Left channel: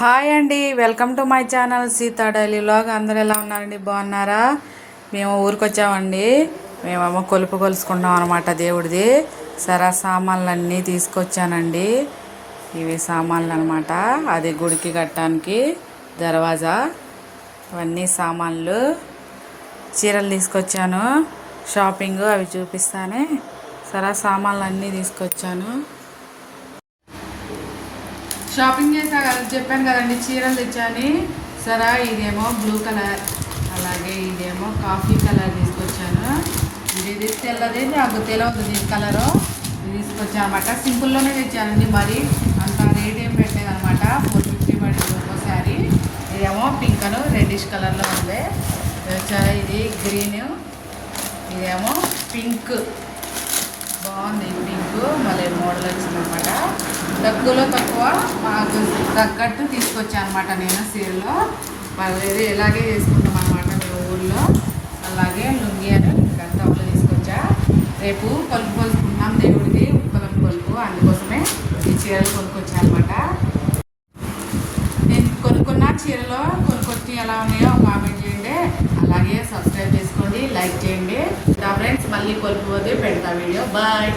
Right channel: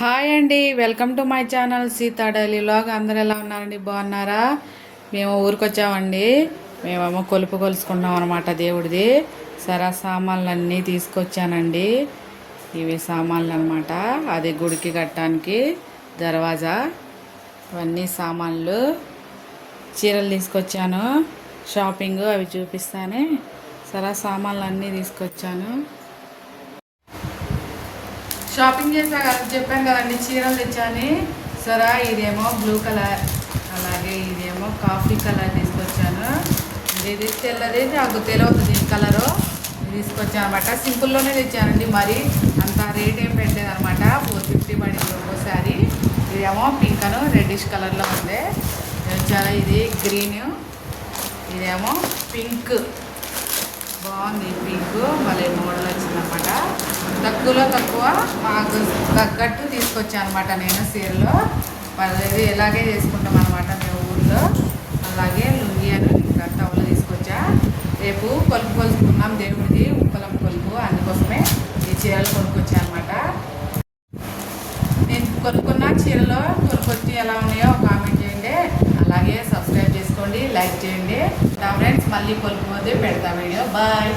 Hi అండి, welcome to my channel Sita daily vlog. అందరు ఎలా ఉన్నారండి? బాగున్నారా? మేము ఊరికి వచ్చామండి. మేమేమో కొలుపు కొలుసుకుంటాం అనమాట దేవుడిది. సరే సామాన్లన్నీ తీసుకొచ్చానండి. ఇవి సామాన్లు అనమాట. అది గుడికి కట్టడానికి దర్వాజా, ఇవన్నీ సామాన్లు. చీరలు తీసుకొచ్చాను, షాపింగ్ అవి చూపిస్తానే. సరే సామాన్లు అన్నీ తీసుకొచ్చాను. షాపింగ్ చేసా కదా, చెప్పాను కదండి, చీరలు తెచ్చాను. సరే ఇదేమో బ్లూ కలర్, అలాగే ఇదేమో కాఫీ కలర్ తీసుకొచ్చాను. ఇది తెల్లది, నాకు తెలియదు దీని కలరు. ఇది తీసుకొచ్చాను అనమాట. సింపుల్లోనే తెచ్చానండి, మరి అంత రేట్ ఏం పెట్టలేదు అనమాట. 450 పడింది ఒక్కోసారి. ఇదేమో పింక్ అను రెడ్డిష్ కలర్లో ఉంది. ఇది గ్రీన్, ఇదేమో పింక్. బాగుంది పింక్, మళ్ళీ మోడల్ వచ్చిందనమాట. తక్కువలో తక్కువ నాకు తగ్గట్టు తీసుకొచ్చాను అనమాట. నేను సీరలో ఇది ఇలాగే తీసుకుంటాం అనమాట మేము ఊళ్ళో. అలాగే లుంగి అని ఇంకా డబ్బులు తీసుకొచ్చా. రేపు కొలుపు కొలుసుకున్నాం దేవుడిది, ఉప్పలం కొలుపు. అందుకోసమే ఈ చీరలు కొనుక్కొచ్చాను అనమాట. నేను కొనుక్కున్న చీరలో కొనుక్కొచ్చి ఎలా ఉన్నాయో కామెంట్ చేయండి. అలాగే సబ్స్క్రైబ్ చేసుకోండి, లైక్ చేయండి. నా ఫ్రెండ్స్ మళ్ళీ కొలుపు పోతే పెడతా వీడియో. బాయ్.